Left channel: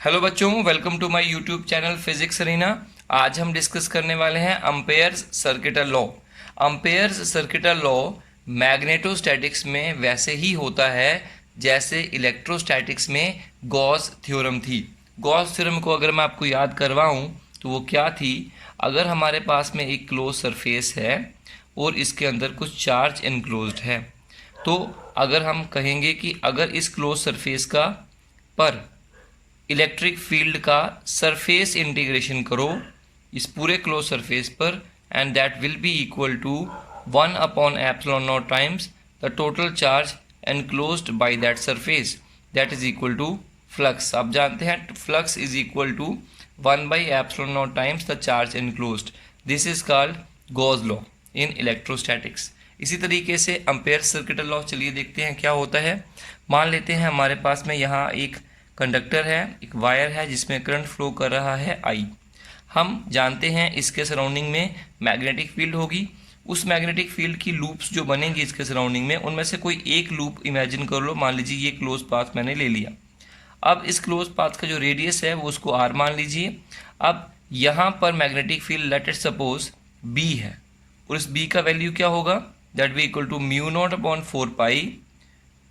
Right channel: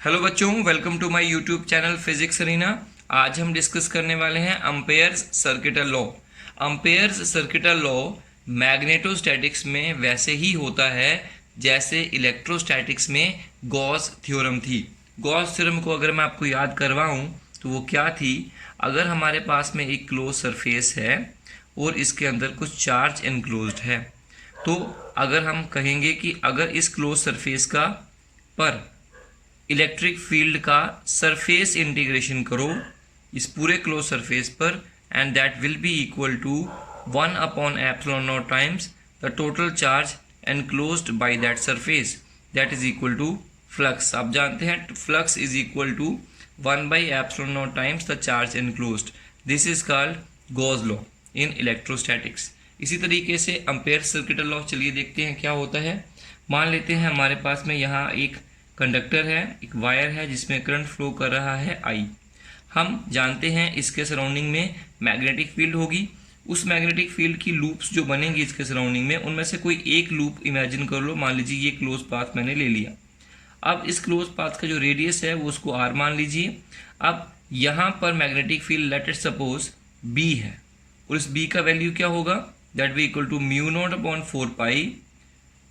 Hello बच्चों, welcome to my YouTube channel physics arena. आज हम डिस्कस करने वाले हैं Ampere's circuital law. Ampere's circuital law magnetostatics में वैसे ही होता है जैसे इलेक्ट्रोस्टैटिक्स में गॉस थ्योरम थी। गॉस थ्योरम को अगर मैं आपको याद करवाऊं तो वो क्या थी? अगर हमारे पास में एक क्लोज सरफेस है और इसके अंदर कुछ चार्ज इनक्लोज्ड है, तो अगर हम कहेंगे कि अगर इस क्लोज सरफेस का पर इलेक्ट्रिक फील्ड का सरफेस इंटीग्रेशन करो इस पूरे क्लोज सरफेस पर, and that will be equal to 1/ε0 times the total charge enclosed by that surface, that is equal to flux. आप जानते हैं flux is equal to 1/ε0 times the charge enclosed. This is called Gauss law in electrostatics. इसी तरीके से ampere circuital law, चलिए देखते हैं क्या होता है। मान लेते हैं हमारे पास में यहाँ एक कंडक्टर है, एक वायर है जिसमें करंट फ्लो कर रहा है आई। हम जानते हैं इसके सराउंडिंग में मैग्नेटिक फील्ड होगी। उस मैग्नेटिक फील्ड की लूप्स जो बनेंगी इसके सराउंडिंग में, उनमें से कोई एक लूप इमेजिन कर लो। मान लीजिए ये क्लोज पाथ मैंने ले लिया। अब इस क्लोज पाथ का जो रेडियस है वो उसको आर मान लीजिए। अब यहाँ पर magnetic field let it suppose B है, और इस बी का वैल्यू क्या होगा? That B equal to μ0/4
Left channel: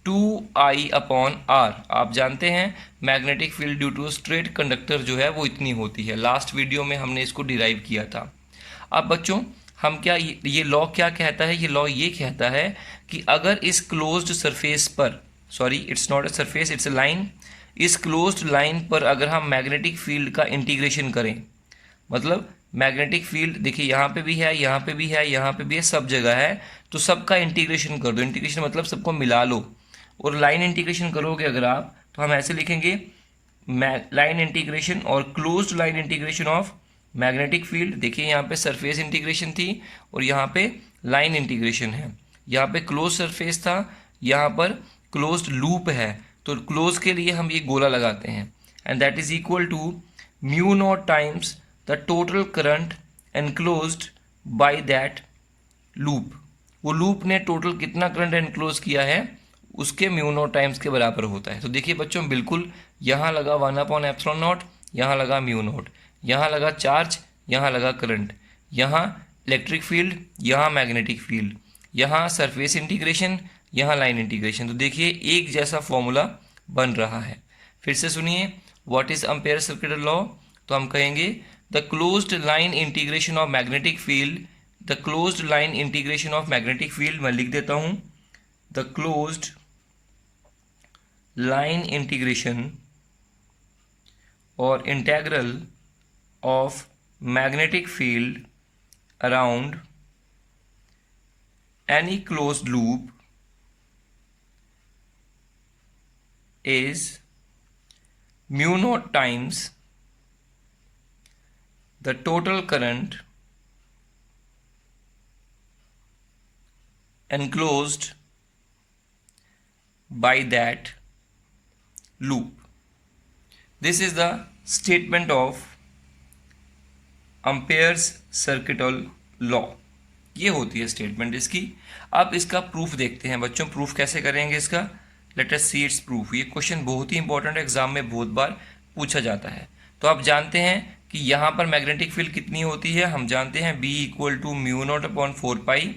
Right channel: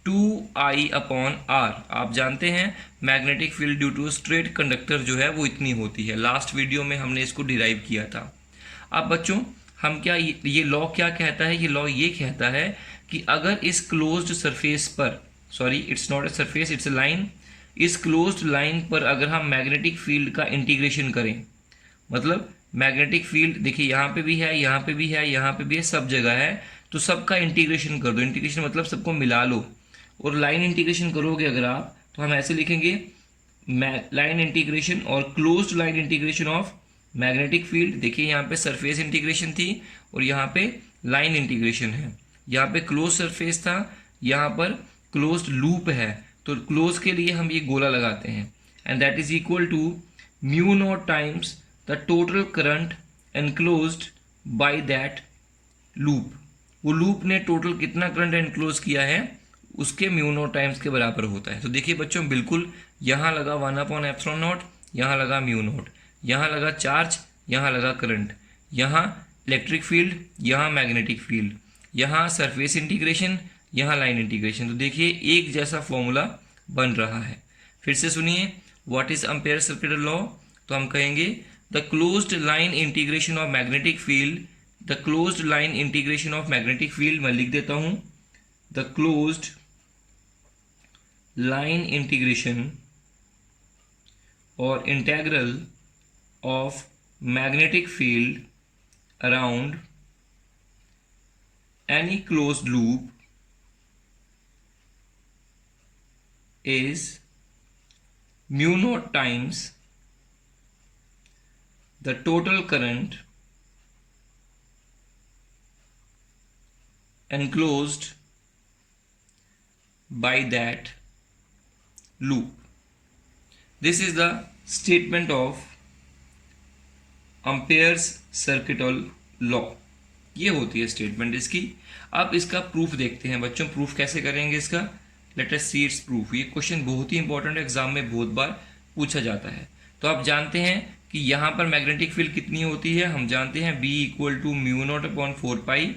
2I/r। आप जानते हैं magnetic field due to straight conductor जो है वो इतनी होती है। लास्ट वीडियो में हमने इसको डिराइव किया था। अब बच्चों हम क्या, ये लॉ क्या कहता है? ये लॉ ये कहता है कि अगर इस क्लोज्ड सरफेस पर, sorry it's not a surface, it's a line, इस क्लोज्ड लाइन पर अगर हम मैग्नेटिक फील्ड का इंटीग्रेशन करें, मतलब मैग्नेटिक फील्ड देखिए यहाँ पे भी है, यहाँ पे भी है, यहाँ पे भी है, सब जगह है, तो सबका इंटीग्रेशन कर दो। इंटीग्रेशन मतलब सबको मिला लो। और लाइन इंटीग्रेशन करोगे अगर आप, तो हम ऐसे लिखेंगे लाइन इंटीग्रेशन और closed line integration of magnetic field. देखिए यहाँ पे सरफेस इंटीग्रेशन थी और यहाँ पे लाइन इंटीग्रेशन है। यहाँ पे क्लोज सरफेस था, यहाँ पर क्लोज्ड लूप है, तो क्लोज के लिए हम ये गोला लगाते हैं, and that is equal to μ0 times the total current enclosed by that loop. वो लूप ने टोटल कितना करंट एनक्लोज किया है उसके μ0 टाइम्स के बराबर होता है। तो देखिए बच्चों बिल्कुल यहाँ लगा 1/ε0, यहाँ लगा μ0, यहाँ लगा चार्ज, यहाँ लगा करंट, यहाँ इलेक्ट्रिक फील्ड, यहाँ मैग्नेटिक फील्ड, यहाँ सरफेस इंटीग्रेशन, यहाँ लाइन इंटीग्रेशन। तो देखिए एक जैसा फॉर्मूला बन रहा है। फिर से सुनिए, what is ampere circuital law? तो हम कहेंगे the closed line integration of magnetic field, the closed line integration of magnetic field, मैं लिख देता हूँ द क्लोज्ड लाइन इंटीग्रेशन और integral of magnetic field around any closed loop is μ0 times the total current enclosed by that loop. This is the statement of Ampere's circuital law. ये होती है statement इसकी। अब इसका प्रूफ देखते हैं बच्चों। प्रूफ कैसे करेंगे इसका? Let us see it's proof. ये क्वेश्चन बहुत ही इंपॉर्टेंट है, एग्जाम में बहुत बार पूछा जाता है। तो आप जानते हैं कि यहाँ पर मैग्नेटिक फील्ड कितनी होती है? हम जानते हैं B इक्वल टू μ0/4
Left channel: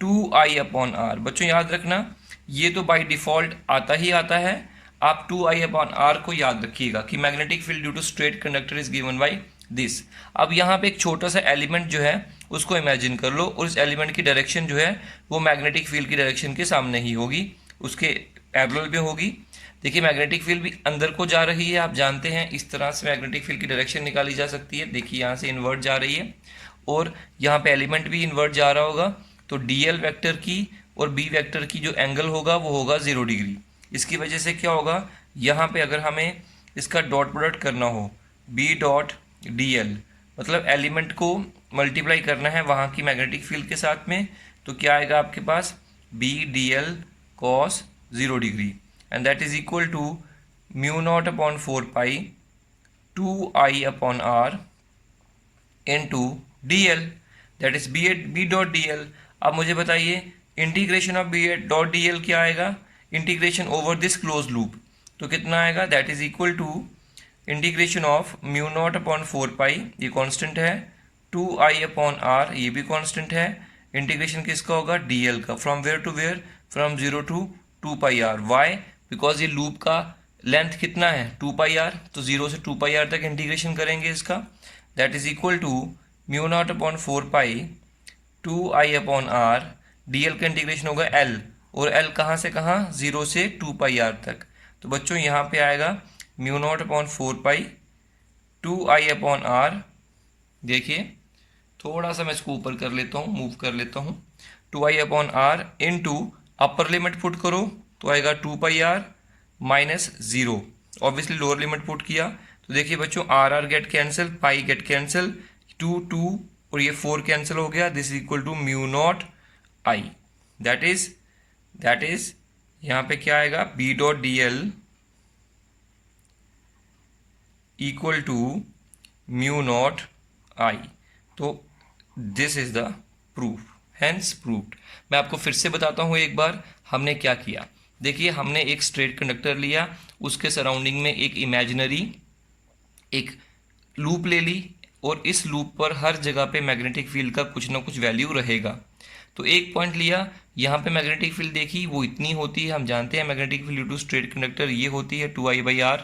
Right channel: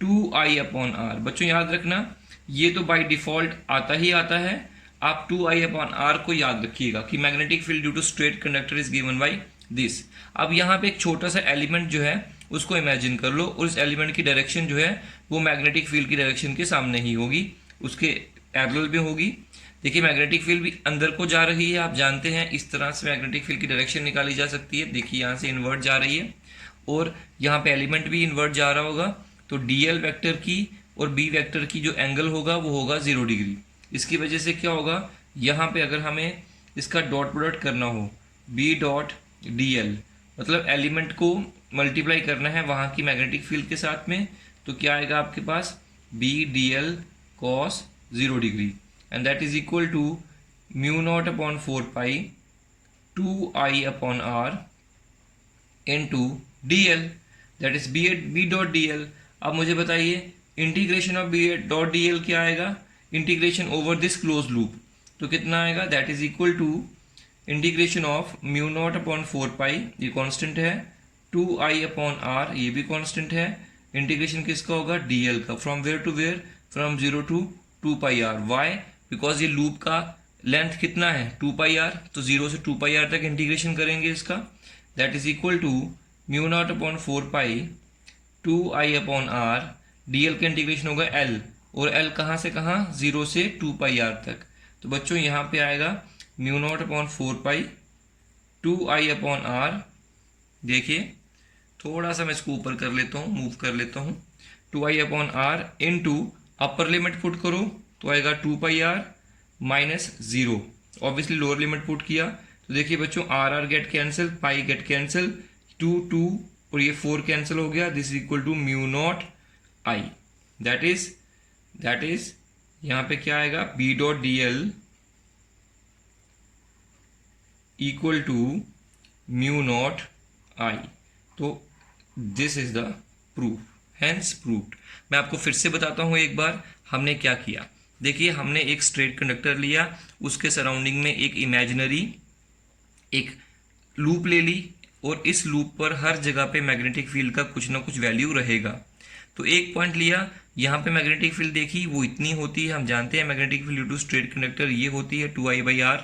2I/r। बच्चों याद रखना, ये तो बाय डिफॉल्ट आता ही आता है। आप 2I/r को याद रखिएगा कि magnetic field due to straight conductor is given by this. अब यहाँ पे एक छोटा सा एलिमेंट जो है उसको इमेजिन कर लो, और इस एलिमेंट की डायरेक्शन जो है वो मैग्नेटिक फील्ड की डायरेक्शन के सामने ही होगी, उसके पैरेलल में होगी। देखिए मैग्नेटिक फील्ड भी अंदर को जा रही है। आप जानते हैं इस तरह से मैग्नेटिक फील्ड की डायरेक्शन निकाली जा सकती है। देखिए यहाँ से इन्वर्ट जा रही है और यहाँ पे एलिमेंट भी इन्वर्ट जा रहा होगा। तो DL वेक्टर की और B वेक्टर की जो एंगल होगा वो होगा 0 डिग्री। इसकी वजह से क्या होगा, यहाँ पे अगर हमें इसका डॉट प्रोडक्ट करना हो B.dl, मतलब एलिमेंट को मल्टीप्लाई करना है वहाँ की मैग्नेटिक फील्ड के साथ में, तो क्या आएगा आपके पास B.dl cos 0 degree, and that is equal to μ0/4 2I/r into dl, that is B.dl। अब मुझे बताइए इंटीग्रेशन ऑफ B.dl क्या आएगा? Integration over this close loop, तो कितना आएगा? That is equal to integration of mu not upon 4 pi, ये constant है, 2i अपॉन आर, ये भी कांस्टेंट है। इंटीग्रेशन किसका होगा, dl का, from where to where, from 0 to 2 pi r. Why, because ये लूप का लेंथ कितना है 2 पाई आर, तो 0 से 2 पाई आर तक इंटीग्रेशन करेंगे इसका, that is equal to mu not upon 4 pi 2i upon r, dl का इंटीग्रेशन होगा l, और l कहाँ से कहाँ, 0 से 2 पाई आर तक। तो बच्चों यहाँ पे आएगा mu not upon 4 pi 2i upon r, देखिए थोड़ा सा मैं इसको ऊपर कर लेता हूँ, मूव कर लेता हूँ, 2i upon R into upper limit put करो तो आएगा 2 pi R minus 0, obviously lower limit put किया तो देखिए बच्चों R R get cancel, pi get cancel, 2 और ये 4 कैंसिल हो गया, this is equal to mu not I, that is यहाँ पे क्या आएगा, B dot D L equal to mu not I. तो this is the proof, hence proved. मैं आपको फिर से बताता हूँ एक बार हमने क्या किया। देखिए हमने एक स्ट्रेट कंडक्टर लिया, उसके सराउंडिंग में एक इमेजिनरी एक लूप ले ली, और इस लूप पर हर जगह पे मैग्नेटिक फील्ड का कुछ ना कुछ वैल्यू रहेगा। तो एक पॉइंट लिया, यहाँ पे मैग्नेटिक फील्ड देखी वो इतनी होती है, हम जानते हैं magnetic field due to straight conductor ये होती है 2i/r।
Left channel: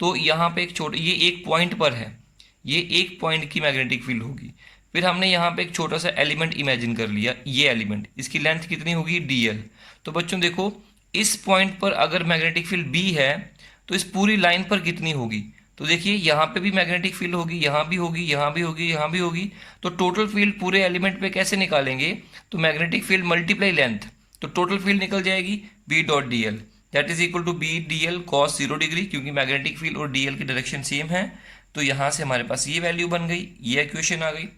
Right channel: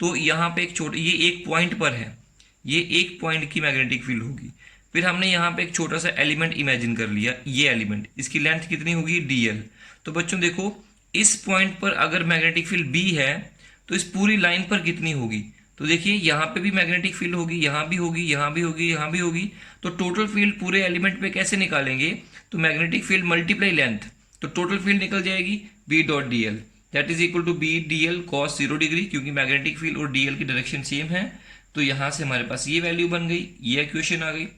तो यहाँ पे एक छोटे, ये एक पॉइंट पर है, ये एक पॉइंट की मैग्नेटिक फील्ड होगी। फिर हमने यहाँ पे एक छोटा सा एलिमेंट इमेजिन कर लिया, ये एलिमेंट, इसकी लेंथ कितनी होगी dl। तो बच्चों देखो इस पॉइंट पर अगर मैग्नेटिक फील्ड b है तो इस पूरी लाइन पर कितनी होगी, तो देखिए यहाँ पे भी मैग्नेटिक फील्ड होगी, यहाँ भी होगी, यहाँ भी होगी, यहाँ भी होगी। तो टोटल फील्ड पूरे एलिमेंट पे कैसे निकालेंगे, तो मैग्नेटिक फील्ड मल्टीप्लाई लेंथ, तो टोटल फील्ड निकल जाएगी b dot D l, that is equal to b d l cos 0 degree, क्योंकि मैग्नेटिक फील्ड और dl की डायरेक्शन सेम है। तो यहाँ से हमारे पास ये वैल्यू बन गई, ये इक्वेशन आ गई।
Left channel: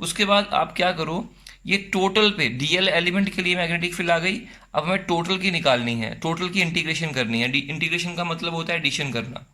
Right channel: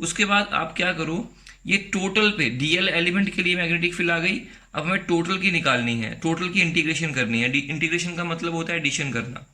उसके बाद आप क्या करो, ये टोटल पे dl एलिमेंट के लिए मैग्नेटिक फील्ड आ गई, अब हमें टोटल की निकालनी है, टोटल की इंटीग्रेशन करनी है। इंटीग्रेशन का मतलब होता है एडिशन करना,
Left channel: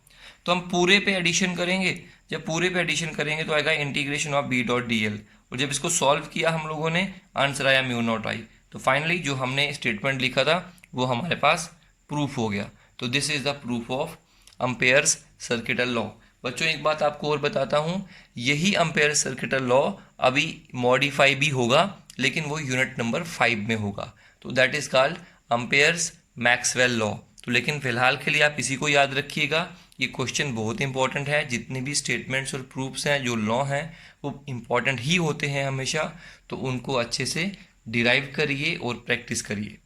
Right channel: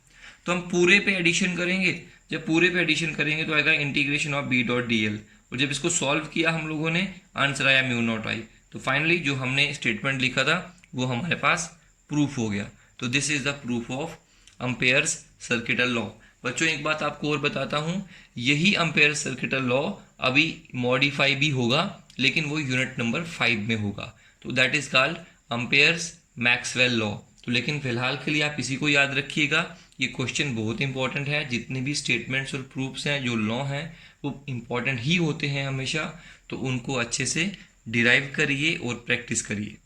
तो हम पूरे पे एडिशन करेंगे, जब पूरे पे एडिशन करेंगे तो आएगा integration of b dot D l, और जब इसको सॉल्व किया हम लोगों ने आंसर आया म्यू नॉट आई। तो फाइनली जो हमने स्टेटमेंट लिखा था वो हमारे पास प्रूफ हो गया। तो this is the proof of Ampere's circuital law. बच्चों एक बात आपको और बताता हूँ, यही अम्पेयर सर्किटल लॉ अभी मॉडिफाई भी होगा, लेकिन वो यूनिट नंबर 5 में होगा, तो that is called Ampere's Maxwell law. तो लेकिन फिलहाल के लिए आप इसी को याद रखिएगा, ये क्वेश्चन बहुत इंपॉर्टेंट है। जितने भी स्टेटमेंट्स और प्रूफ्स हैं जो लॉ हैं वो इंपॉर्टेंट ही होते हैं हमेशा, तो उनको अच्छे से डिराइव करिए और प्रैक्टिस करिए।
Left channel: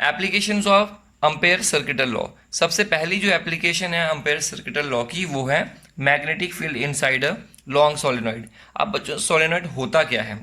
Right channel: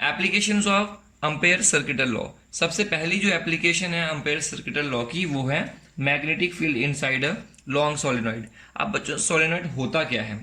Applications of ampere circuital law. सबसे पहली जो एप्लीकेशन है अम्पेयर सर्किटल लॉ की वो है magnetic field inside a long solenoid. अब बच्चों सोलेनॉइड होता क्या है,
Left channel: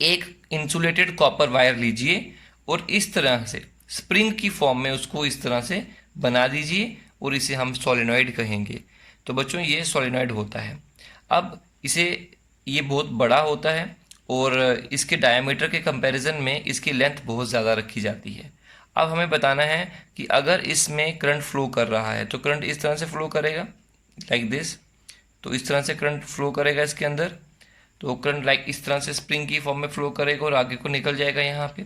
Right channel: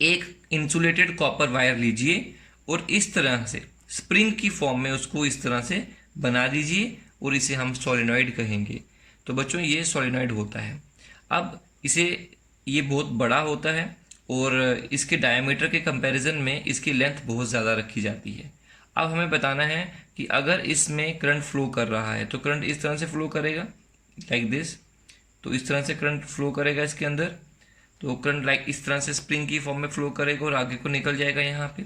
एक इंसुलेटेड कॉपर वायर लीजिए और इस तरह से स्प्रिंग की फॉर्म में उसको इस तरह से बना दीजिए और इसे हम सोलेनॉइड कहेंगे। तो बच्चों ये सोलेनॉइड होता है। अब इसे, ये बहुत बड़ा होता है और इसके डायमीटर के कंपैरिजन में इसकी लेंथ बहुत ज़्यादा रखी जाती है। अब हमें बताना है कि अगर इसमें करंट फ्लो कर रहा है तो करंट इस तरह से फ्लो करेगा, लाइक दिस, तो इस तरह से करंट फ्लो करेगा इसके अंदर, तो करंट लाइक इस तरह से स्प्रिंग की फॉर्म में फ्लो करेगा और आगे को निकल जाएगा यहाँ पे।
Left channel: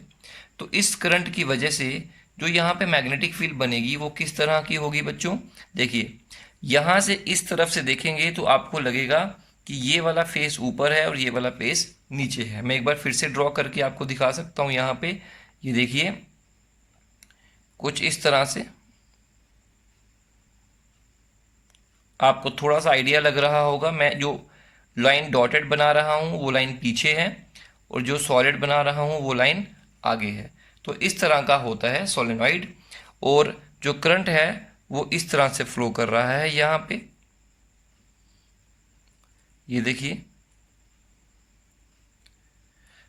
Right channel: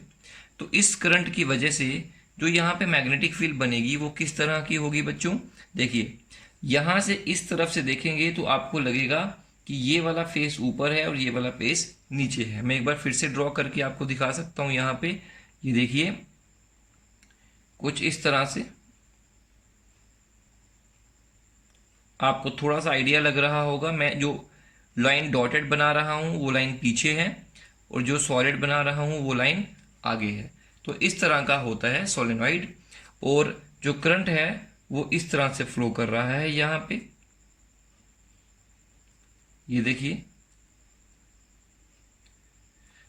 तो इस करंट की वजह से जो यहाँ पे मैग्नेटिक फील्ड बनेगी वो किस तरह की होगी बच्चों, देखिए यहाँ से इस तरफ से देखेंगे तो आपको लगेगा कि ये वाला फेस ऊपर है और ये वाला फेस नीचे है। मैं एक बार फिर से ड्रॉ करके आपको दिखा सकता हूँ। यहाँ पे ये देखिए कुछ इस तरह से आपको थोड़ा सा आइडिया लग रहा होगा। मैं जो लाइन डॉटेड बना रहा हूँ वो लाइन पीछे है और जो सॉलिड बना रहा हूँ वो लाइन आगे है। तो इस तरह का होता है सोलेनॉइड, और जो करंट है वो इस तरह से फ्लो कर रहा है यहाँ पे, ये देखिए,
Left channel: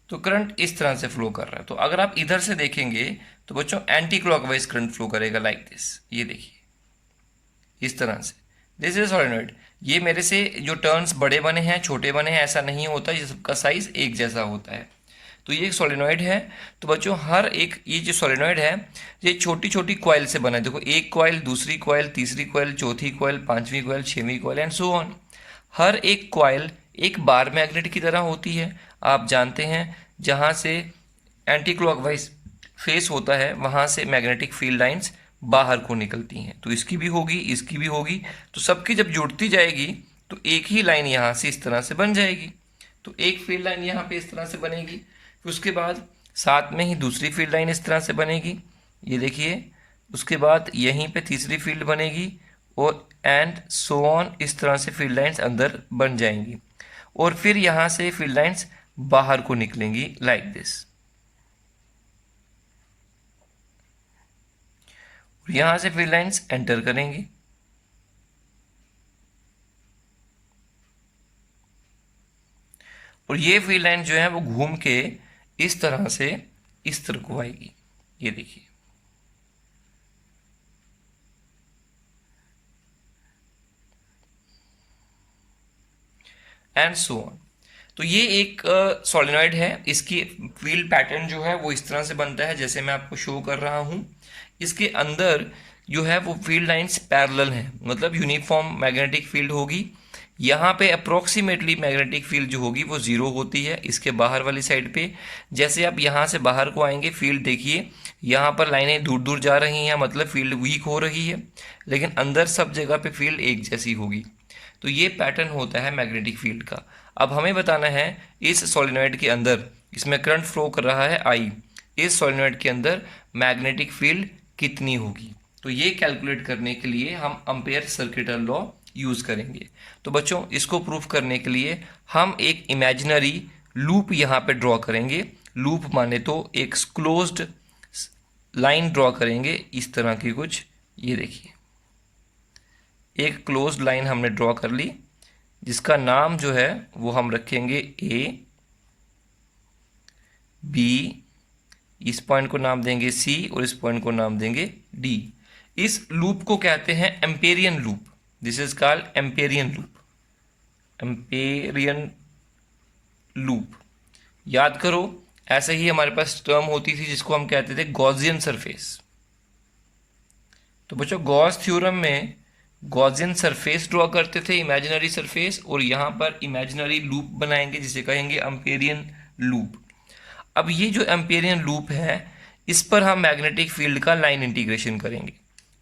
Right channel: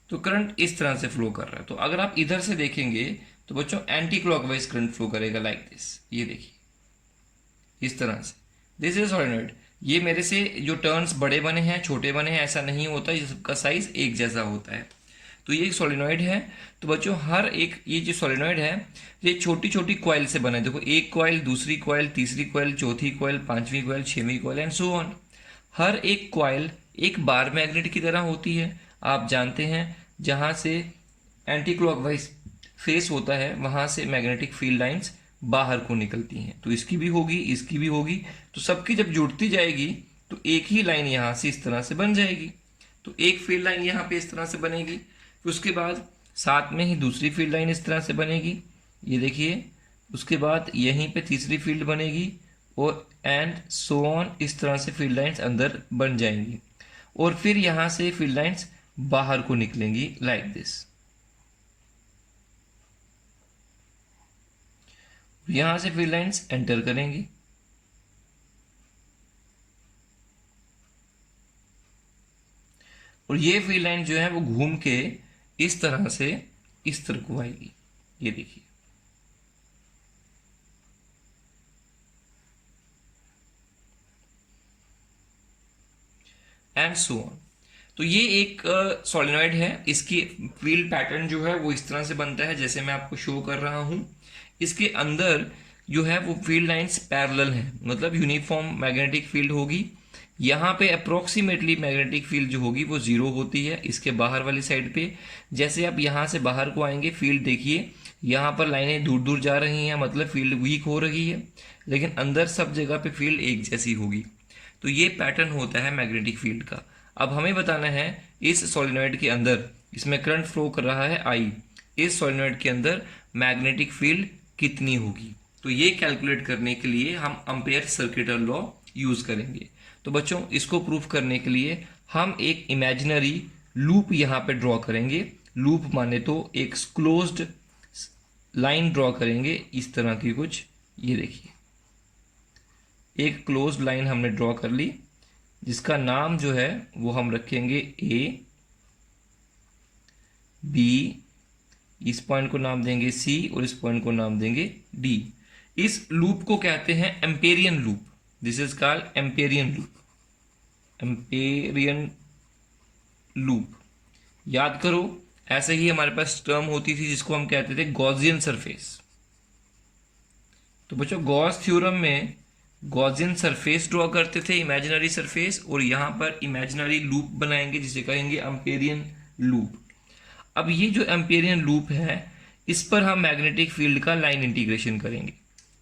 तो करंट इस तरह से फ्लो कर रहा है। तो अगर आप इधर से देखेंगे तो बच्चों एंटी क्लॉकवाइज करंट फ्लो करेगा, लाइक दिस, ये देखिए इस तरह से। This is solenoid. ये मेरे से जो टर्न्स बड़े बने हैं छोटे बने हैं ऐसा नहीं होता, ये सबका साइज एक जैसा होता है। तो ये एक सोलेनॉइड है। तो बच्चों हर एक, ये जो सोलेनॉइड है ये छोटी छोटी कॉइल से बना है। देखो एक कॉइल, दूसरी कॉइल, तीसरी कॉइल, चौथी कॉइल, पांचवी कॉइल, छठवीं कॉइल एंड सो ऑन। हर एक कॉइल एक बार मैग्नेट की तरह होती है। आप जानते हैं जहाँ से एंटी क्लॉकवाइज फेस होता है वहाँ से मैग्नेटिक फील्ड लाइंस बाहर को निकलती हैं। तो इसकी भी होगी, इसकी भी होगी, तो सबकी जब जुड़ती जाएगी तो एक ही लाइन यहाँ से इस तरह से बन जाएगी। तो एक फील्ड लाइन यहाँ पे इस तरह से बनेगी, उसके बाद साथ में ही दूसरी फील्ड लाइन इस तरह से बनेगी, ये देखिए। उसके बाद यहीं पे तीसरी फील्ड बनेगी और एंड सो ऑन, इस तरह से फील्ड लाइंस अंदर बन जाएंगी और फिर यहाँ से फील्ड लाइंस बाहर को निकलेंगी लाइक दिस। यहां से फील्ड लाइंस एंटर करेंगी और ये फील्ड लाइन जो है वो घूम के इस तरह से इस तरह को आएगी, ये देखिए। And so on. तो ये एक सोलेनॉइड है, इसकी फील्ड पैटर्न जो है वो इस तरह से बनता है जैसे मैं आपको शो कर रहा हूं। इसके अंदर जो है वो फील्ड लाइंस पैरेलल हैं, मतलब यूनिफॉर्म मैग्नेटिक फील्ड होगी। यहाँ पे अप्रोक्सीमेटली मैग्नेटिक फील्ड जो होगी वो जीरो होती है इसके बाहर वाली साइड पे। जैसे आप यहाँ से बाहर को आएंगे, फील्ड देखिए यहाँ पर लाइनें दूर दूर जा रही हैं, मतलब फील्ड वीक हो रही है, लेकिन अंदर सब जगह पे फील्ड एक जैसी होगी। तो ये पैटर्न होता है मैग्नेटिक फील्ड का। अब हमें बताना है इस सोलेनॉइड के अंदर, इसमें करंट फ्लो कर रहा है I, इस सोलेनॉइड के अंदर मैग्नेटिक फील्ड कितनी होगी। तो ये कैलकुलेट करने के लिए हम एम्पेयर सर्किटल लॉ यूज करेंगे। तो बच्चों इसको प्रूफ करने के लिए हम एक इमेजिनरी लूप यहाँ पे ड्रॉ करेंगे। लूप माने तो एक क्लोज्ड लाइन ड्रॉ करेंगे इस तरह की कुछ, ये देखिए एक क्लोज्ड लाइन हमने ड्रॉ कर ली, जिसका नाम जो है वो हम रखेंगे A, B, इस पॉइंट को नाम देंगे C और इस पॉइंट को नाम देंगे D। इस लूप को कहते हैं Amperian loop. This is called Amperian loop. Amperian loop याद करो, ऐसे ही हमारे पास टर्म होती थी जिसको हम कहते थे गॉसियन सरफेस। तो बच्चों गॉस थ्योरम में गॉसियन सरफेस ड्रॉ करते थे, इमेजिनरी सरफेस, और यहाँ पर इमेजिनरी लूप बनाएंगे जिसे कहेंगे एम्पेरियन लूप। अब ये जो एम्पेरियन लूप है इस पर हम मैग्नेटिक फील्ड का लाइन इंटीग्रेशन करेंगे।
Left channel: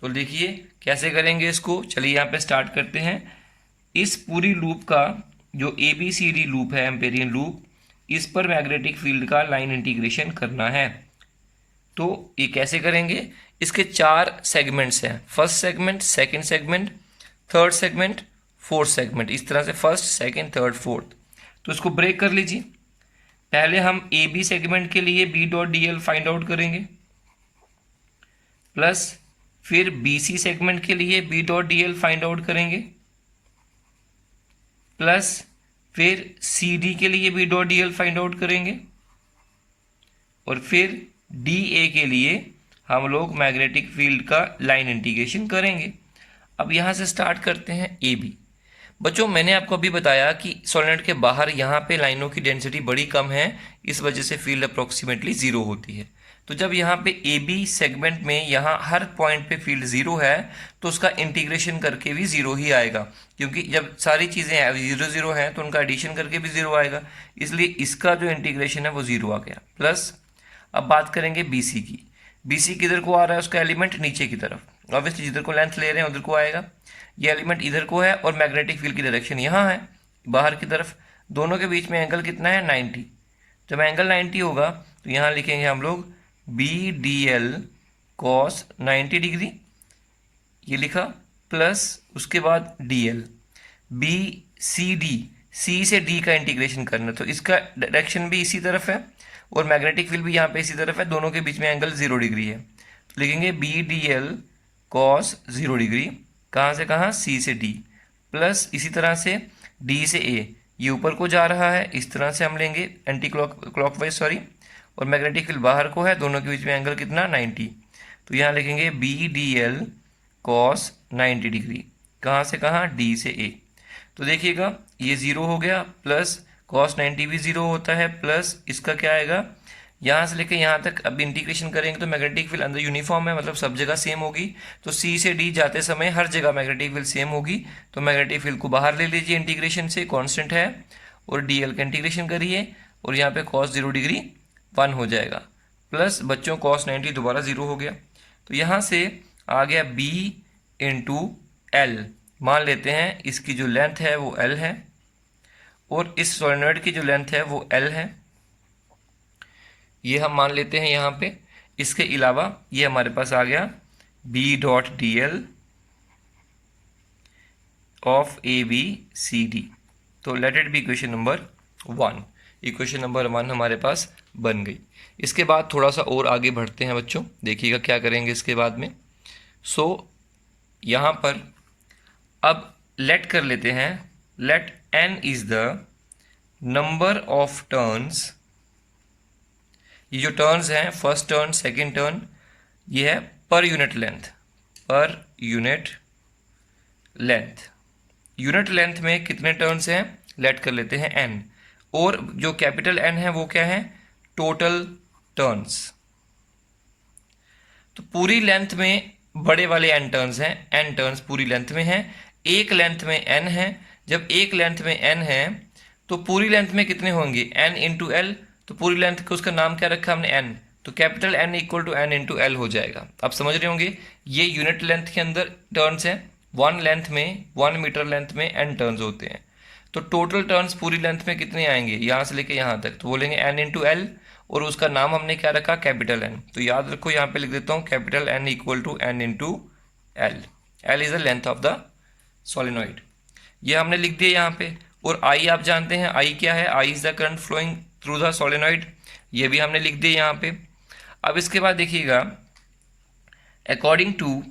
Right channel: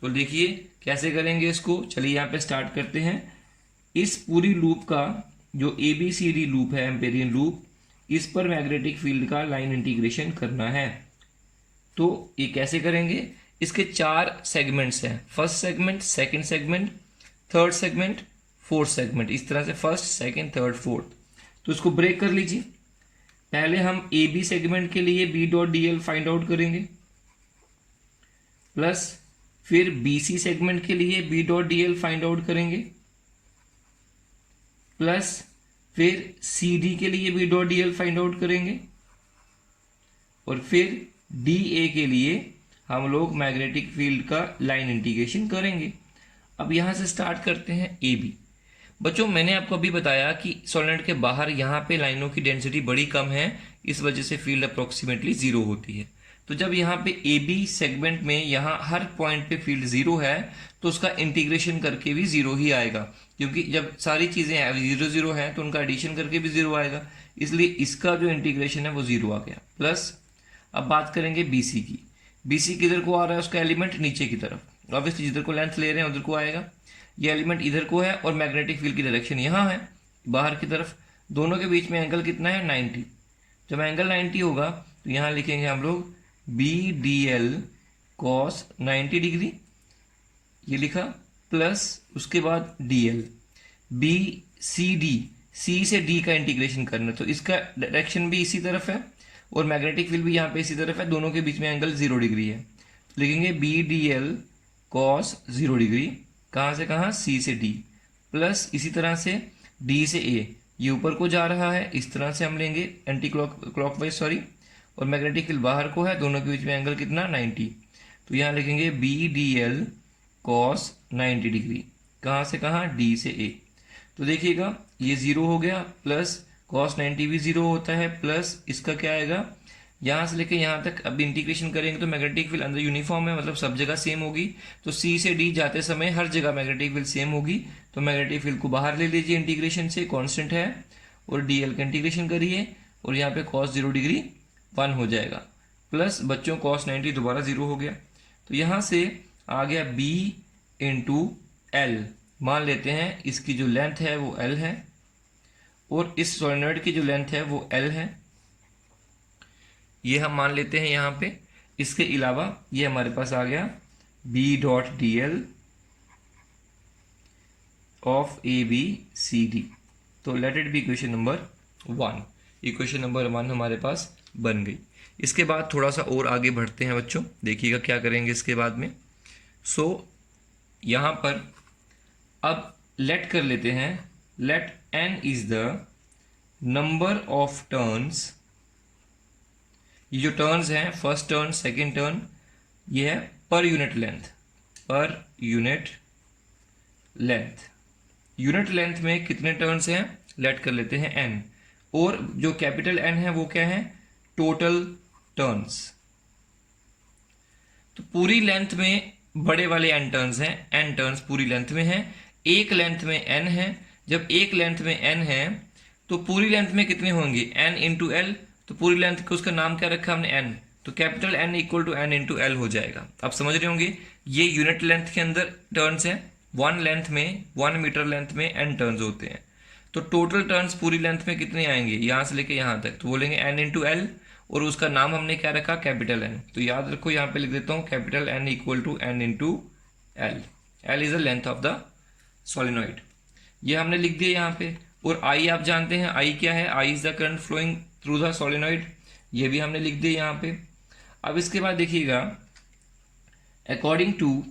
तो देखिए कैसे करेंगे इसको, चलिए यहाँ पे स्टार्ट करते हैं। इस पूरी लूप का जो ABCD लूप है, एम्पेरियन लूप, इस पर मैग्नेटिक फील्ड का लाइन इंटीग्रेशन करना है। तो ये कैसे करेंगे, इसके 4 सेगमेंट्स हैं, first segment, second segment, third segment, fourth segment, इस तरह से फर्स्ट, सेकंड, थर्ड, फोर्थ। तो इसको ब्रेक कर लीजिए। पहले हम AB सेगमेंट के लिए B.dl फाइंड आउट करेंगे, प्लस फिर BC सेगमेंट के लिए B.dl फाइंड आउट करेंगे, प्लस फिर CD के लिए B.dl फाइंड आउट करेंगे, और फिर DA के लिए हम लोग मैग्नेटिक फील्ड का लाइन इंटीग्रेशन करेंगे। अब यहां से स्टार्ट करते हैं AB। बच्चों मैंने आपको अभी बताया कि सोलेनॉइड के बाहर यहाँ पे लाइनों की डेंसिटी बड़ी कम है, इस वजह से फील्ड अप्रोक्सीमेटली जीरो होती है। तो जब यहाँ पे AB सेगमेंट में यहाँ हर पॉइंट पे फील्ड जीरो है तो उसका इंटीग्रेशन करके भी जीरो ही आएगा, क्योंकि जब सारी चीज़ें जीरो जीरो हैं तो उनका एडिशन करके भी जीरो आएगा, इसलिए इसका जो इंटीग्रेशन है वो जीरो आ गया। प्लस अब बात करेंगे BC की। BC किधर को आ रहा है, उसका एलिमेंट नीचे की तरफ, ऑब्वियसली जिधर को लेंथ ले रहे हैं उधर को आएगा। ये एलिमेंट इधर को है और मैग्नेटिक फील्ड की डायरेक्शन यहाँ है बाहर की तरफ। दोनों के बीच में एंगल कितना है, 90। जब एंगल 90 होगा तो यहाँ लिखेंगे हम लोग BDL cos 90 डिग्री, ये लिखा, प्लस उसके बाद DL। BCD, C से D का इंटीग्रेशन करना, तो इसका डायरेक्शन भी इसी तरफ है और मैग्नेटिक फील्ड भी यहाँ पे इसी तरफ है, दोनों के बीच में एंगल 0 डिग्री है। तो लिखेंगे BDL cos 0 डिग्री, कहाँ से कहाँ, C से D, प्लस इसी तरह से D से A, ये ऊपर को जा रहा है, इस तरह से हम लेंगे एंटी क्लॉकवाइज सॉरी, और मैग्नेटिक फील्ड बाहर को है, दोनों के बीच में एंगल कितना, 90। तो यहाँ लिखेंगे BDL cos 90 डिग्री, कहाँ से कहाँ, D से A। तो देखिएगा ये 0 हो गया, प्लस cos 90 भी 0 होता है, प्लस इसका क्या आएगा, यहाँ से लेकर यहाँ तक अब इंटीग्रेशन करेंगे तो मैग्नेटिक फील्ड अंदर यूनिफॉर्म है, मतलब सब जगह सेम होगी। तो C से D जाते समय हर जगह मैग्नेटिक फील्ड सेम होगी, तो मैग्नेटिक फील्ड को बाहर ले लीजिए इंटीग्रेशन से, कांस्टेंट है, और DL का इंटीग्रेशन करिए, और यहाँ पे cos 0 डिग्री 1 हो जाएगा, प्लस बच्चों cos 90 दोबारा 0 हो गया। तो यहाँ से आ गया B इंटू एल। मान लेते हैं इसकी जो लेंथ है वो L है और इस सोलेनॉइड की जो लेंथ है वो L है, ये हम मान लेते हैं यहाँ पे। इसके अलावा ये हमारे पास आ गया B dot D L of A B C D. तो let it be equation number 1। Equation number 1 हमारे पास बन गई। इसके बाद थोड़ा सा और आगे बढ़ते हैं बच्चों, देखिएगा क्या करेंगे इसके बाद में। यहाँ पर अब लेट कर लेते हैं, let n is the number of turns. ये जो टर्न्स हैं, फर्स्ट टर्न, सेकेंड टर्न, ये है per unit length, per unit length. Unit length में कितने टर्न्स हैं, लेट कर लेते हैं n, और जो कैपिटल N है वो क्या है, टोटल टर्न्स। तो पूरी लेंथ में बड़े वाले n टर्न्स हैं, n टर्न्स पूरी लेंथ में हैं, एक लेंथ में n है। जब एक लेंथ में n है तो पूरी लेंथ में कितने होंगे, n इंटू एल। तो पूरी लेंथ को उसका नाम क्या रखा हमने, n, तो capital N equal to n into l हो जाएगा। आप समझ रहे होंगे, ये यूनिट लेंथ के अंदर टर्न्स है। 1 मीटर लेंथ में n टर्न्स होते हैं। तो टोटल टर्न्स पूरी लेंथ में कितने आएंगे, यहाँ से लेके यहाँ तक, तो बोलेंगे n इंटू एल, और उसका नाम हमने क्या रखा, कैपिटल N। तो याद रखो, यहाँ पे लिख देता हूँ capital N equal to n into l. L is the length of the solenoid, ये हमने लिख दिया यहाँ पे। और I आप जानते हैं, I क्या है, I is the current flowing through the solenoid, ये भी हमने लिख दिया यहाँ पे। अब इसके बाद देखिएगा, according to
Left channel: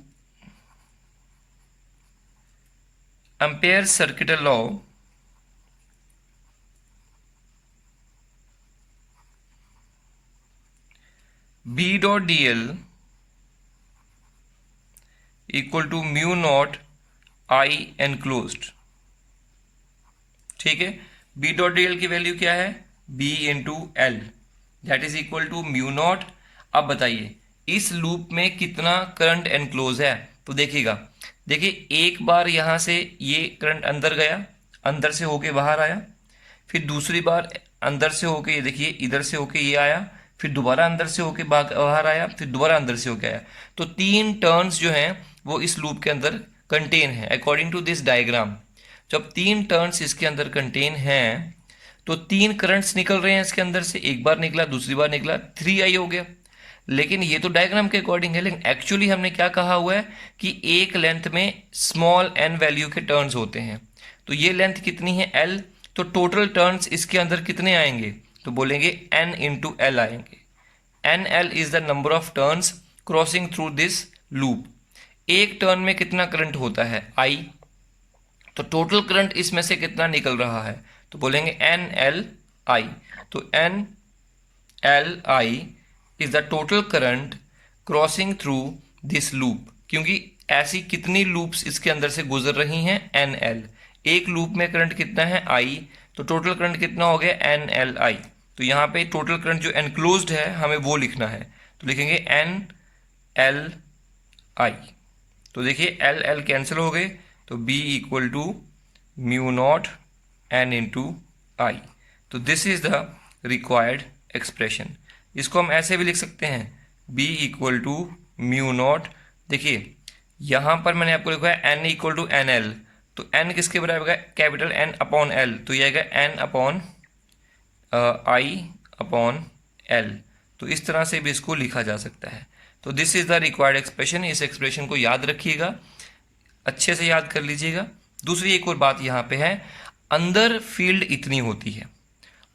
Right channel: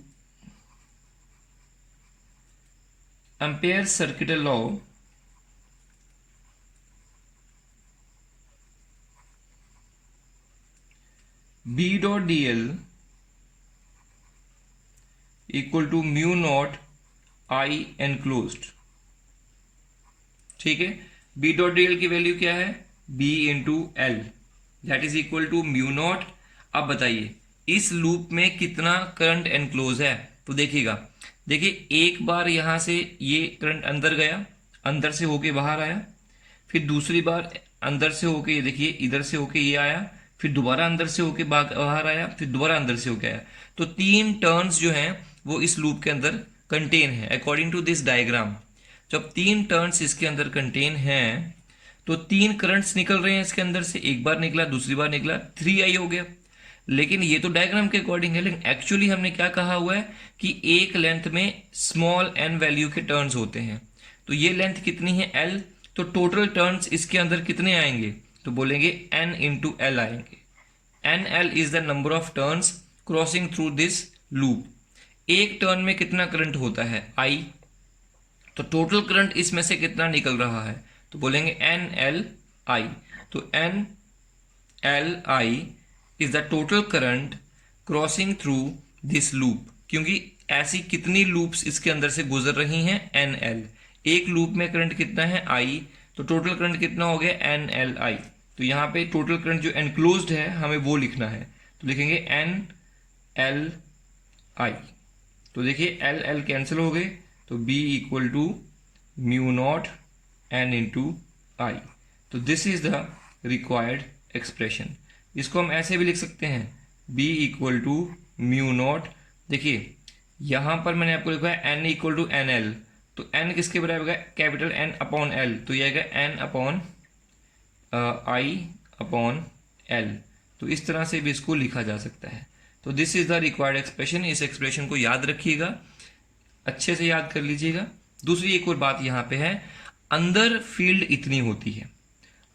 Ampere circuital law, B dot D L equal to mu naught I enclosed. ठीक है, B डॉट डी एल की वैल्यू क्या है, B into l, that is equal to mu naught. अब बताइए इस लूप में कितना करंट एनक्लोज है। तो देखिएगा, देखिए एक बार यहां से ये करंट अंदर गया, अंदर से होके बाहर आया, फिर दूसरी बार अंदर से होके, ये देखिए इधर से होके ये आया, फिर दोबारा अंदर से होके बाहर आया, फिर दोबारा अंदर से होके आया। तो 3 टर्न्स जो हैं वो इस लूप के अंदर कंटेन है अकॉर्डिंग टू दिस डायग्राम। जब 3 टर्न्स इसके अंदर कंटेन हैं तो 3 करंट्स निकल रहे हैं इसके अंदर से, एक बार निकला, दूसरी बार निकला, 3i हो गया। लेकिन ये तो डायग्राम के अकॉर्डिंग है, लेकिन एक्चुअली हमने क्या कहा हुआ है कि एक लेंथ में स्मॉल n वैल्यू के टर्न्स होते हैं। तो ये लेंथ कितनी है, l, तो टोटल टर्न्स इसके अंदर कितने आएंगे, तो बोलेंगे n इंटू एल आएंगे। nl is the number of turns crossing through this loop. एक टर्न में कितना करंट होता है, I, तो टोटल करंट इसमें से कितना निकल रहा है, तो बोलेंगे NLI। तो NLI is the total current crossing through this loop, क्योंकि ऐसी कितनी लूप्स इसके अंदर से गुजर रही हैं, NL। एक लूप में करंट कितना है, I, तो टोटल करंट कितना हो गया, NLI। तो यहाँ पे टोटल करंट जो एनक्लोज्ड है हमें वो लिखना है, तो लिखेंगे NLI। तो देखिए L कैंसिल हो गए, तो B equal to mu naught N into I। तो this is the required expression. इसको हम ऐसे भी लिख सकते हैं, B equal to mu naught. देखिए यहाँ पर मैंने आपको लिखा है N इक्वल टू NL, तो N किसके बराबर है, कैपिटल N अपॉन L, तो ये आएगा N upon I upon L। तो इस तरह से भी इसको लिखा जा सकता है। तो this is the required expression. इस एक्सप्रेशन को याद रखिएगा, अच्छे से याद कर लीजिएगा। दूसरी एक और बात यहाँ पे है, अंदर फील्ड इतनी होती है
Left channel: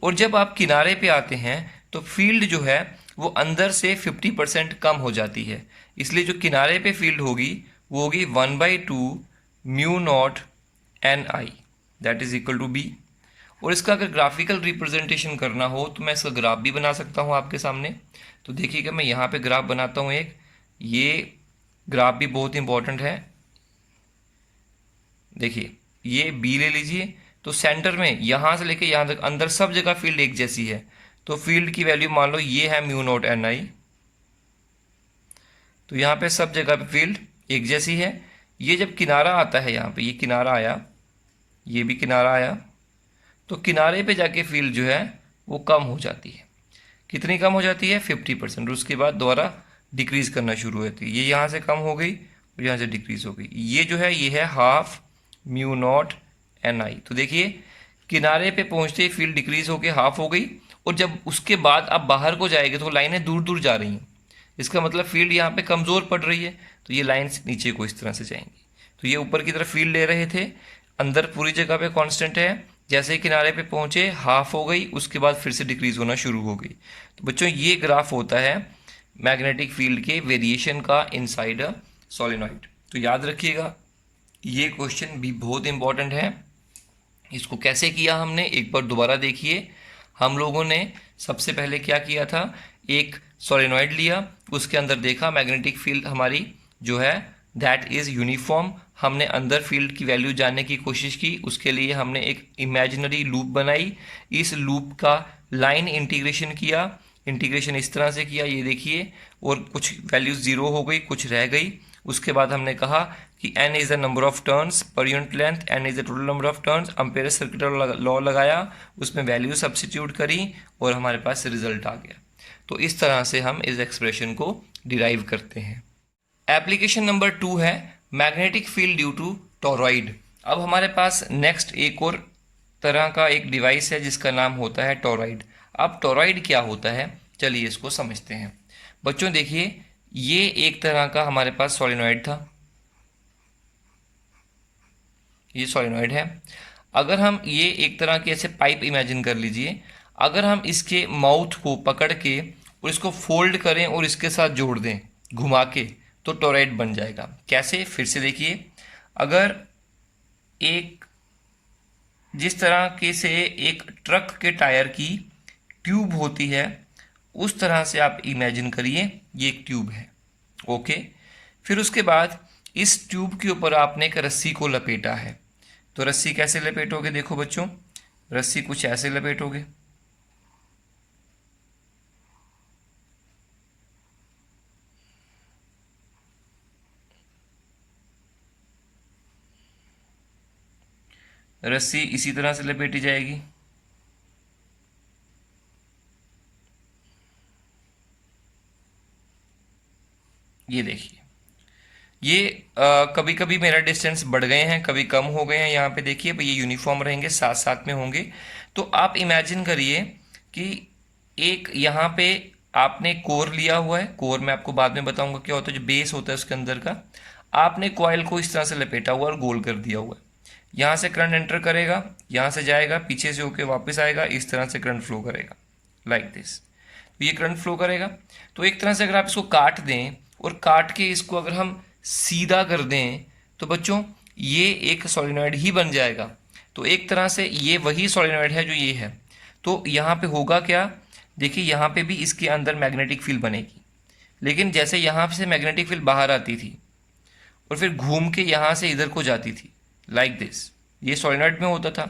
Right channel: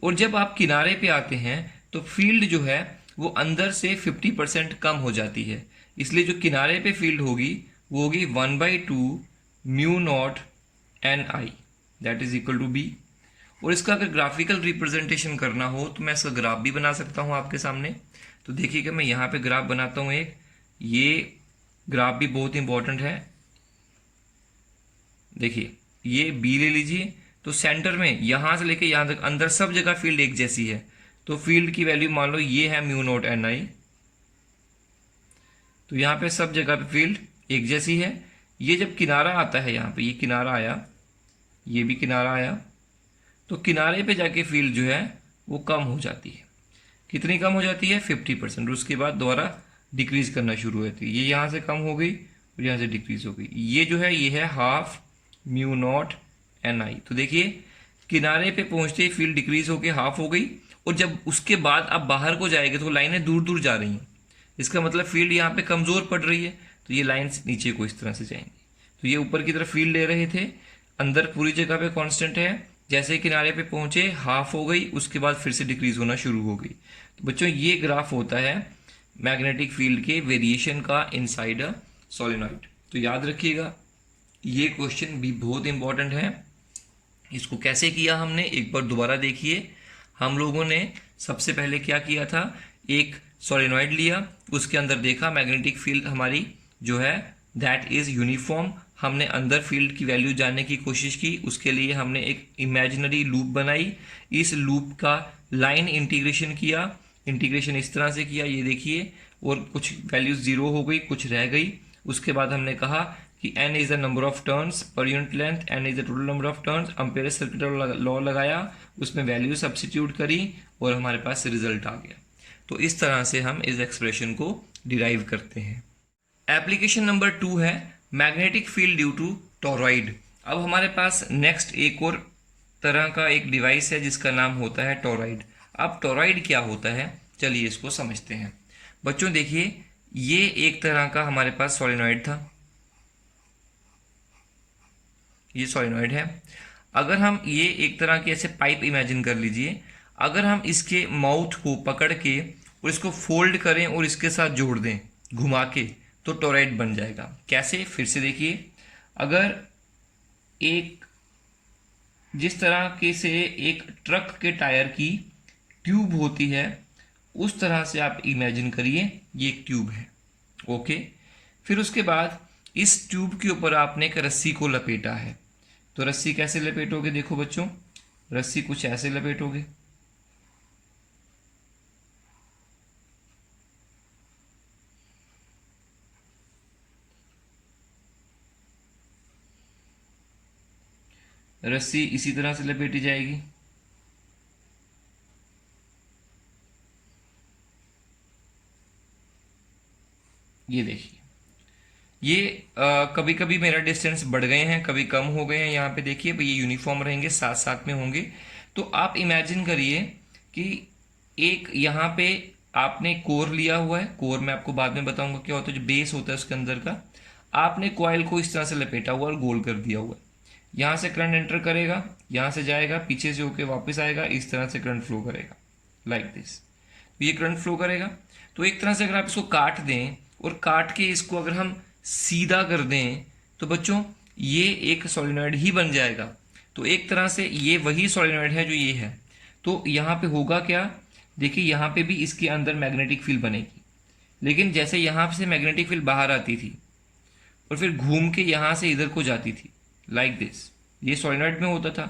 और जब आप किनारे पे आते हैं तो फील्ड जो है वो अंदर से 50% कम हो जाती है। इसलिए जो किनारे पे फील्ड होगी वो होगी 1/2 mu naught NI, that is equal to B। और इसका अगर ग्राफिकल रिप्रेजेंटेशन करना हो तो मैं इसका ग्राफ भी बना सकता हूँ आपके सामने। तो देखिएगा मैं यहाँ पे ग्राफ बनाता हूँ एक, ये ग्राफ भी बहुत इंपॉर्टेंट है। देखिए ये B ले लीजिए, तो सेंटर में यहाँ से लेके यहाँ तक अंदर सब जगह फील्ड एक जैसी है। तो फील्ड की वैल्यू मान लो ये है म्यू नॉट NI, तो यहाँ पे सब जगह पे फील्ड एक जैसी है। ये जब किनारा आता है, यहाँ पे ये किनारा आया, ये भी किनारा आया, तो किनारे पे जाके फील्ड जो है वो कम हो जाती है। कितनी कम हो जाती है, 50%। उसके बाद दोबारा डिक्रीज करना शुरू होती है। ये यहाँ से कम हो गई और यहाँ से डिक्रीज हो गई। ये जो है ये है हाफ म्यू नॉट एन आई। तो देखिए किनारे पे पहुंचते ही फील्ड डिक्रीज होके हाफ हो गई, और जब उसके बाद आप बाहर को जाएंगे तो लाइनें दूर दूर जा रही हैं, इसका मतलब फील्ड यहाँ पे कमज़ोर पड़ रही है, तो ये लाइन्स नीचे को इस तरह से जाएंगी। तो ये ऊपर की तरफ फील्ड ले रहे थे, अंदर पूरी जगह पे कांस्टेंट है, जैसे ही किनारे पे पहुंचे हाफ हो गई, उसके बाद फिर से डिक्रीज होना शुरू हो गई। तो बच्चों ये ग्राफ होता है मैग्नेटिक फील्ड के वेरिएशन का इनसाइड अ सोलेनॉइड। तो याद रखिएगा ये क्वेश्चन भी बहुत इंपॉर्टेंट है। इसको कैसे किया हमने एक बार दोबारा देखिए। हम लोगों ने सबसे पहले क्या किया था, एक सोलेनॉइड लिया, उसके अंदर देखा मैग्नेटिक फील्ड हमारी जो है दैट इज यूनिफॉर्म। हमने अंदर फील्ड की वैल्यू जानने की कोशिश की, उसके लिए हमने एक इमेजिनरी लूप बनाई, इस लूप का लाइन इंटीग्रेशन किया। इंटीग्रेशन इस तरह से किया, ये देखिए, और कुछ वैल्यूज जीरो हो गई, कुछ रह गई। उसके बाद हमने कहा कि n is the number of turns per unit length, n is the total number of turns. Ampere circuit law लगाया, उसमें वैल्यू सब्स्टिट्यूट करी और हमारे पास रिजल्ट आ गया। तो इस तरह से हम इस एक्सप्रेशन को डिराइव करते हैं। एप्लीकेशन नंबर 2 है magnetic field due to toroid. अब हमारे पास नेक्स्ट एक और तरह का एक डिवाइस है जिसका नाम होता है टोरॉइड। अब टोरॉइड क्या होता है, चलिए इसको समझते हैं। बच्चों देखिए ये एक तरह का हमारे पास सोलेनॉइड था, ये सोलेनॉइड है। अगर हम ये एक तरह के ऐसे पाइप इमेजिन कर लीजिए, अगर हम इसके माउथ को पकड़ के और इसको फोल्ड करें और इसके साथ जोड़ दें घुमा के, तो टोरॉइड बन जाएगा। कैसे, फिर से देखिए, अगर एक जिस तरह के से एक ट्रक के टायर की ट्यूब होती है उस तरह से आप इमेजिन करिए ये एक ट्यूब है, ओके। फिर उसके बाद इस ट्यूब के ऊपर आपने एक रस्सी को लपेटा है। तो रस्सी कैसे लपेटोगे, देखो बच्चों, रस्सी कुछ ऐसे लपेटोगे, रस्सी इसी तरह से लपेटी जाएगी। ये देखिए, ये कभी कभी मेरा डिस्टेंस बढ़ गए हैं, कभी कम हो गए हैं। यहाँ पे देखिए ये यूनिफॉर्म रहेंगे, साथ साथ में होंगे। तो आप इमेजिन करिए कि एक यहाँ पे आपने कोर लिया हुआ है, कोर मैं आपको बाद में बताऊंगा क्या होता है, जो बेस होता है उसके अंदर का। आपने कॉइल को इस तरह से लपेटा हुआ और गोल कर दिया हुआ है। यहाँ से करंट एंटर करेगा, यहाँ से जाएगा, पीछे से होके वापस आएगा, इस तरह से करंट फ्लो करेगा, लाइक दिस। तो ये करंट फ्लो करेगा। तो एक तरह से अगर आप इसको काट दें और काट के इसको अगर हम सीधा कर दें तो बच्चों ये एक सोलेनॉइड ही बन जाएगा। तो एक तरह से ये वही सोलेनॉइड है जो ये है। तो यहाँ पे होगा क्या, देखिए यहाँ पे भी इसके अंदर मैग्नेटिक फील्ड बनेगी, लेकिन जैसे यहाँ से मैग्नेटिक फील्ड बाहर आती थी और फिर घूम के यहाँ से इधर को जाती थी, लाइक दिस, ये सोलेनॉइड में होता था।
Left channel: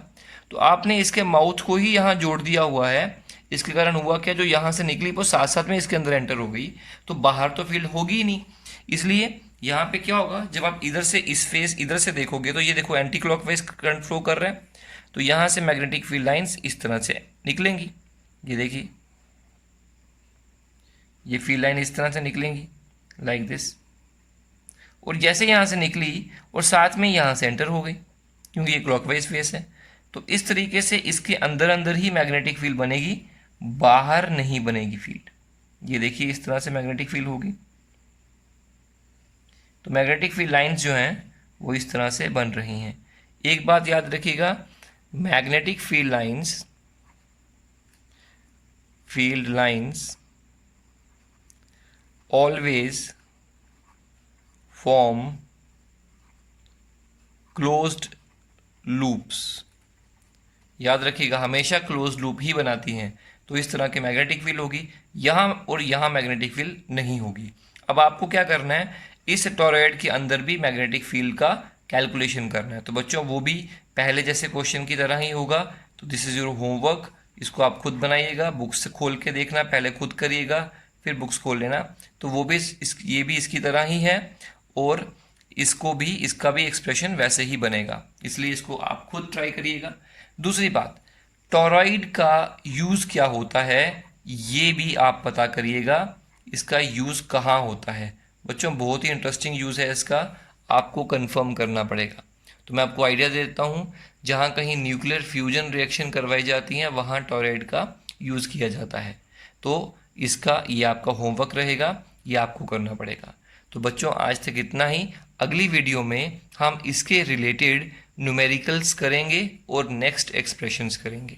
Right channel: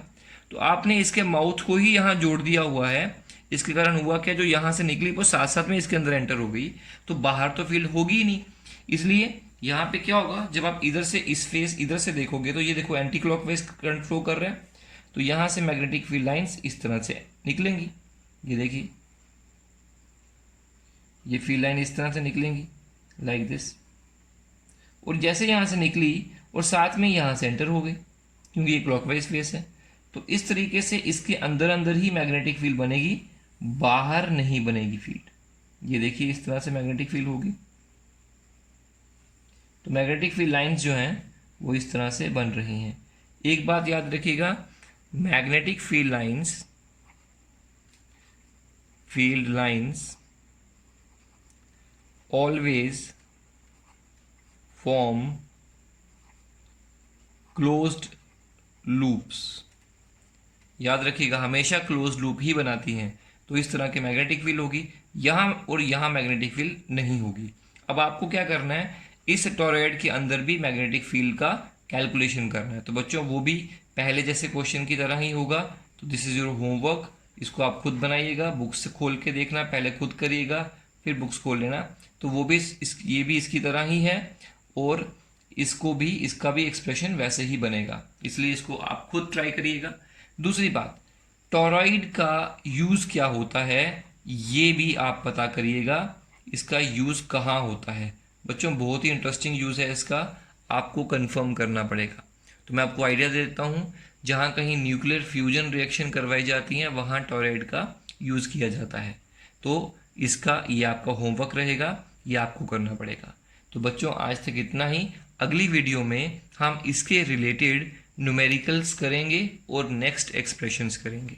तो आपने इसके माउथ को ही यहाँ जोड़ दिया हुआ है, इसके कारण हुआ क्या, जो यहाँ से निकली वो साथ साथ में इसके अंदर एंटर हो गई, तो बाहर तो फील्ड होगी ही नहीं। इसलिए यहाँ पे क्या होगा, जब आप इधर से इस फेस इधर से देखोगे तो ये देखो एंटी क्लॉकवाइज करंट फ्लो कर रहा है, तो यहाँ से मैग्नेटिक फील्ड लाइंस इस तरह से निकलेंगी। ये देखिए ये फील्ड लाइन इस तरह से निकलेंगी, लाइक दिस। और जैसे यहाँ से निकली और साथ में यहाँ से एंटर हो गई, क्योंकि ये क्लॉकवाइज फेस है। तो इस तरीके से इसके अंदर अंदर ही मैग्नेटिक फील्ड बनेगी, बाहर नहीं बनेगी फील्ड। ये देखिए इस तरह से मैग्नेटिक फील्ड होगी। तो मैग्नेटिक फील्ड लाइंस जो हैं वो इस तरह से बन रही हैं। एक बात याद रखिएगा, magnetic field lines always form closed loops. याद रखिएगा हमेशा क्लोज लूप ही बनाती हैं। तो इस तरह की मैग्नेटिक फील्ड होगी, यहाँ और यहाँ मैग्नेटिक फील्ड नहीं होगी। अब आपको क्या करना है, इस टोरॉइड के अंदर भी मैग्नेटिक फील्ड का कैलकुलेशन करना है। तो बच्चों वो भी पहले जैसे क्वेश्चन की तरह ही होगा। तो दिस इज योर होमवर्क, इसको आप खुद बनाइएगा, बुक्स से खोल के देखना, पहले खुद करिएगा फिर बुक्स खोल लेना। तो वो भी ये भी इसकी तरह ही है और इसका भी एक्सप्रेशन वैसे ही बनेगा, इसलिए इसको आप खुद ट्राई करिएगा। दूसरी बात, टोरॉइड का यूज़ क्या होता है ये भी आप पता करिएगा, इसका यूज़ कहाँ होता है। बच्चों बहुत ही इंटरेस्टिंग यूज़ है इसका, आपको कंफर्म करना पड़ेगा। तो मैं आपको आइडिया दे देता हूँ, जहाँ कहीं न्यूक्लियर फ्यूजन रिएक्शन करवाई जाती हैं वहाँ टोरॉइड का यूज़ किया जाता है। तो इसका ये आपका होमवर्क रहेगा, ये आपको करना पड़ेगा। तो बच्चों आज तक इतना ही। अगली वीडियो में हम इसके रिलेटेड न्यूमेरिकल्स करेंगे और नेक्स्ट एक्सप्रेशंस करेंगे।